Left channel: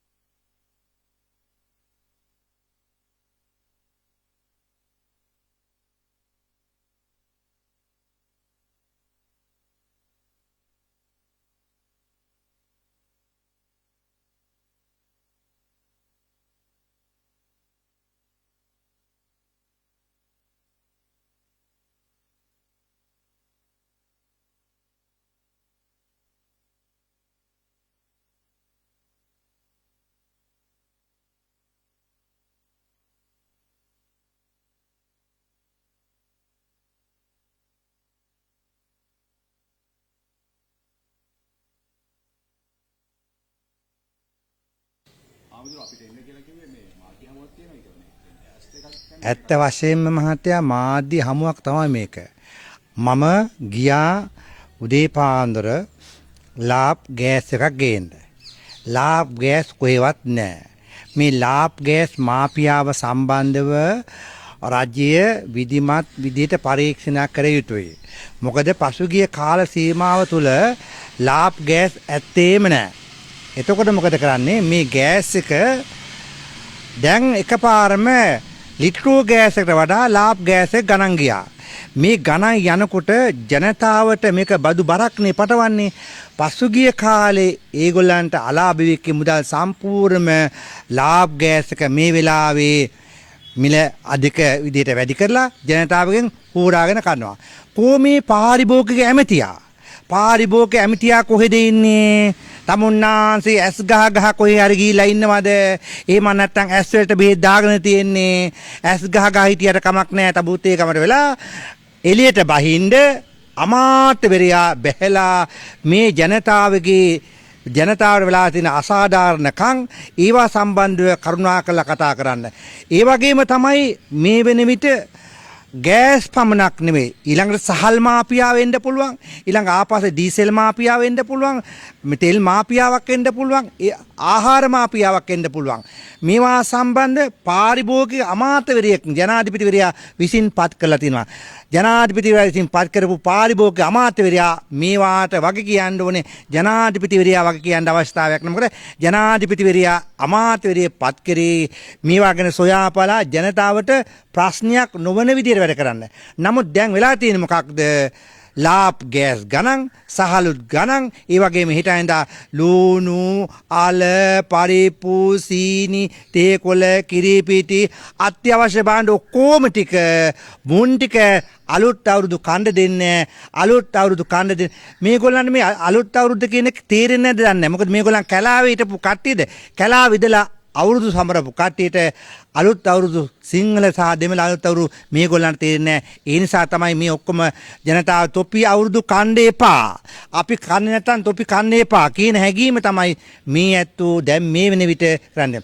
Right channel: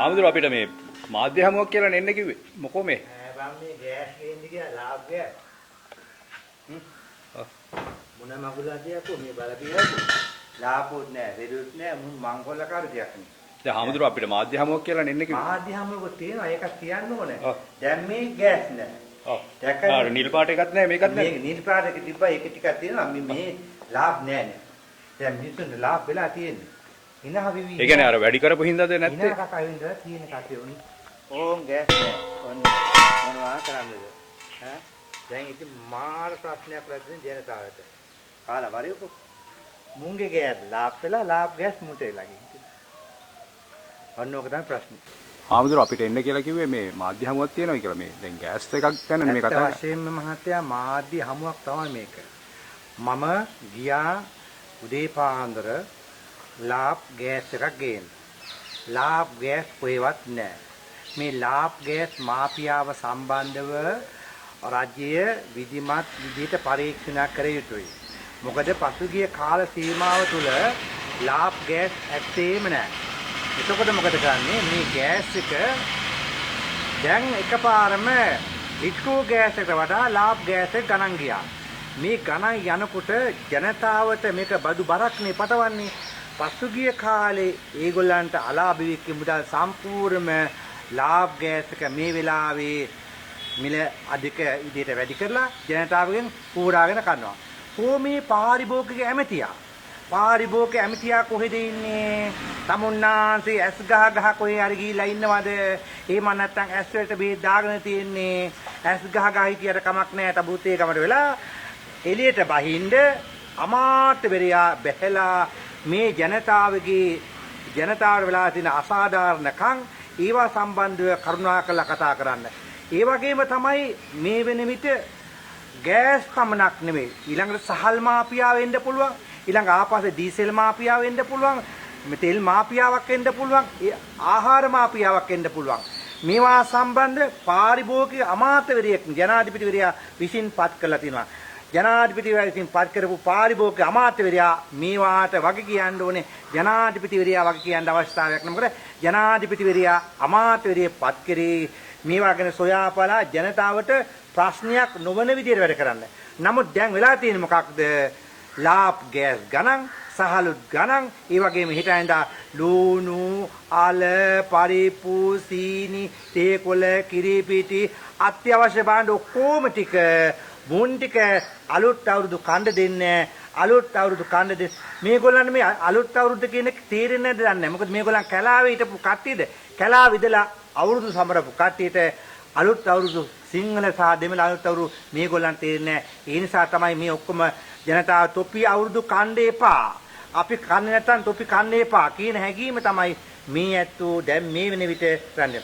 ආමුදුර අපිට මේ මාධ්‍ය හමුවක් කියලා නෙන්න කිව්වේ. මොකෝ මේ? බම් මේ ගෑස් ගේන්න කියලා ලාභ ගෑස්. මොන මගුලදියා කො මේ බලපියකෝ. ලාභොත් නෑ, දෙරුත් නෑ, මුන් මංගොල්ල කාර්යයක් නේ. දැන් ආමුදුර අපිට මාධ්‍ය හමුවක් කියලා නෙන්න කිව්වේ. මාධ්‍ය හමුවක් තියෙනවා. ඒක කියන්න ඕනේ. දැන් මේ ගෑස් නෑ. ඔව්. දැක්කද? නිල් පාට එකක් නෑ මේකත් නෑ. මේ නිල් පාට එක තිබ්බා ඒක ටිකක් තියෙනවා. මේ ලාභ නෑ නේ. දැන් මිනිස්සුන්ට ලාභ වෙලා තියෙන්නේ. ඉනහ විවි. ඒ කියන්නේ අර වැඩි කරපු හින්දාද නැත්තේ? ඉනහ කකා වෙන්දලා තියෙන කටේ උනි. ඕන් ගෑස් නෑ. මොනවා කරන්නද? ඈ දැන් ඉතින් මාර ප්‍රශ්නයක් ලැබෙන ජනතාවට. කාලා වරියකෝ. මුංගේ ගෑස් ලාභ වෙලා ලාභ ගෑස් මුට වෙලා ගිහින්. ඔන්නෝක තමයි ප්‍රශ්නේ. ආමුදුර අපිට එන්න කියලා කිව්වේ මේ මාධ්‍ය හමුවක් තියෙනවා කියලා මේ දැන් ගෑස් එකක් ගැන මේ කතා. ඇත්ත වශයෙන්ම මහත්තයා මාධ්‍ය හමුවක් තමයි මේක. මම ගියා උදේ පාන්දර ලාභ් ගෑස් එකක් ගේන්න. ලාභ් ගෑස් කොහෙවත් නැහැ. මේ ලාභ් ගෑස් මාෆියාව සම්බන්ධව රාජ්‍ය විධිමත් විදිහට පරීක්ෂණයක් කර යුතුයි. මොකද පසුගිය කාල සීමාව තුළ ලාභ් ගෑස් ඇත්තේම නැහැ. එතකොට මොකද කරන්නේ මේ ගෑස් එක දැන් එකපාරම ලිට්‍රෝ ගෑස් එකට වඩා ලාභ් ගෑස් එක ගණන් ගියා. මේ ගණන් යනකොට ජනතාවට මේක බදු බරක්නේ පටවන්නේ. පසුගිය කාලේ ඒගොල්ලන්ට අලාභ වෙච්ච මුදල් සම්පූර්ණම ලාභ් ගෑස් එක මේ වෙලාවේ මිල අධික විදිහට වැඩි කරලා ජනතාවගෙන් පෝරාගෙන කනවා. කොහොමේ පාරිභෝගික ඇමතියා? පාරිභෝගික ඇමතියා කොහෙද ඉන්නේ? තමුන්නාන්සේ ඇස් ගහ කොහේ හරි ගිහිලා ඉන්නවද? එහෙම නැත්නම් ඇස් වලට බෙහෙත් දාගෙන තියෙන්නේ. ඇස් ගහ හිටියට කමක් නැහැ. තබුත් ඒකමට වෙලා එළියට බහින්ද අමාත්‍යවරයා බැහැලා මේ ජනතාවට වෙලා තියෙන අසාධාරණකම් ඒවා සම්බන්ධව කරුණාකරලා කතා කරන්න. ඒ වගේම තමයි මේ වෙන විට ගෑස් පමණක් නෙමෙයි ඊළඟට සහල් මාෆියාව වෙන්න පුළුවන්. ඊළඟ ආපස්සේ ඩීසල් මාෆියාව වෙන්න පුළුවන්. තෙල් මාෆියාවක් වෙන්න පුළුවන්. ආහාර මාෆියාවක් වෙන්න පුළුවන්. මේවා සම්බන්ධ පාරිභෝගික අමාත්‍යවරයෙක් ජනාධිපතිවරයා විසින් පත් කරලා තිනවා. ජනාධිපතිවරයා විසින් පත් කරපු පාරිභෝගික අමාත්‍යවරයා මේවාට වගේ කියන්න ඕනේ. ජනාධිපතිවරයා වගේ කියන්න අවස්ථාවක් නැහැ. මොකද ජනාධිපතිවරයා අමාත්‍යවරයෙක් පත් කරේ මේවා ගැන සොයාපලා ජනතාවට ප්‍රශ්නයක් නොවන විදිහට වැඩ කරන්න. නමුත් දැන් වෙලා තියෙන්නේ මොකක්ද? ලාභ් ගෑස් ගණන්, සහලුත් ගණන්, ඒ වගේම හිටින්දා ලුණු, අල, පරිප්පු, සීනි, තේ කොළ, කිරිපිටි අත්‍යවශ්‍ය භාණ්ඩ ඔක්කොම ටික මුන් ටික අලුත් අවුරුදු කණ්ඩ දෙන්නේ. අලුත් අවුරුදු කණ්ඩ දෙන්නේ. මේගොල්ලන් මේ අලුත් අවුරුද්ද කියන එක තේරෙන්නේ නැද්ද දන්නේ. මොකද මේගොල්ලන් කැලාවේ හිටපු කට්ටියද කැලාව විදලා අවුරුදු සමරපු කට්ටියට අලුත් අවුරුදු සිංහල සහ දෙමළ අලුත් අවුරුදු මේගොල්ලන්ට තේරෙන්නේ නැහැ. ඒ නිසා තමයි මේ ඔක්කොම ජනතාව තොපි අවුරුදු කන්න එපා. අපි කන්නේ නැත්නම් තොපි කන්න එපා කියන හැඟීම තමයි මේ ඇත්තෝ දැන් මේ වෙන විට කරන්නේ.